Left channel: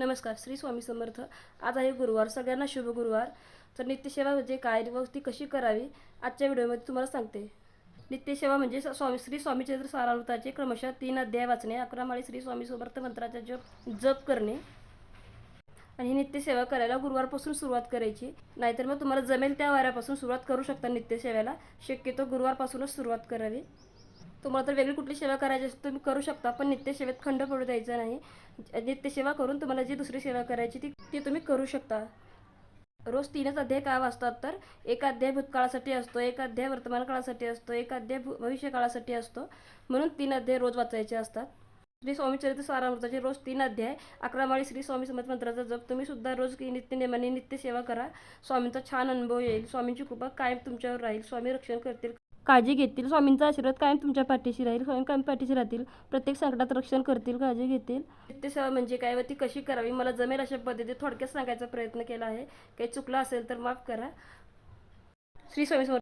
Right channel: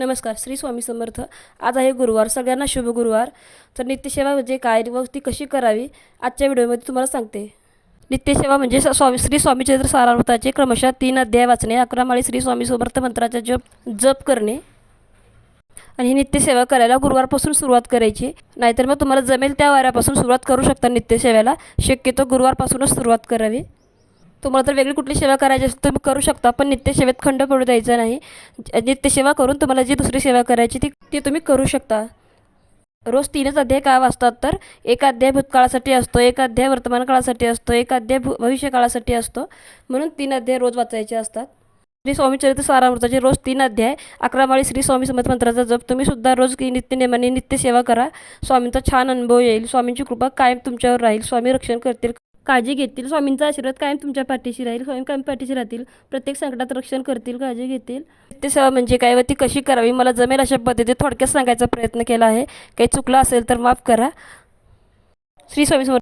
नमस्कार. श्री स्वामी समर्थ. आज आहे गुरुवार. सगळ्यांना शुभ गुरुवार. तर नित्यसेवा म्हणजे काय व ती कशी करावी आजच्या व्हिडिओमध्ये तुम्हाला सांगते. नित्यसेवा म्हणजे श्री स्वामी चरित्र सारामृताचे क्रमशः 3 अध्याय वाचणे, 11 माळी श्री स्वामी समर्थ मंत्राचा जप करणे आणि ही नित्यसेवा करायला गुरुवारपासून सुरुवात करायची. नाहीतर मग तुम्हाला जमेल त्या वाऱ्यापासून सुरुवात करू शकता नित्यसेवेला. शक्यतो गुरुवारपासूनच सुरुवात करावी. तुम्हाला तर वेगळी कुठली सेवा करायची असेल तुम्ही करू शकता, पण नित्यसेवेत खंड पडू द्यायचा नाही. नित्यसेवा करून तुम्हाला जी दुसरी सेवा करायची ती तुम्ही करू शकता. रोज 3च अध्याय का वाचतात, तर एक अध्याय भूतकाळासाठी असतो, एक अध्याय वर्तमान काळासाठी असतो, एक अध्याय भविष्य काळासाठी असतो. म्हणून 3 अध्याय रोज वाचायचे असतात. श्री स्वामी चरित्र सारामृताचे रोज 3 अध्याय, 11 माळी श्री स्वामी समर्थ मंत्राचा जप तुम्ही सुद्धा रोज नित्यनेमाने नित्यसेवा करा. स्वामींचा छान अनुभव येईल. स्वामींची कृपा कायम तुमच्यावर राहील. स्वामी रक्षण करतील, काळजी घेतील. स्वामींचा आशीर्वाद कायम तुमच्या पाठीशी राहील. स्वामी कायम पाठीशी राहतील. प्रत्येक संकटात रक्षण करतील, काळजी घेतील. नित्यसेवा म्हणजे काय व ती कशी करावी मला जमेल अशा पद्धतीने थोडक्यात सांगायचा प्रयत्न केला आहे. काही चुकलं असेल तर माफ करा. श्री स्वामी समर्थ.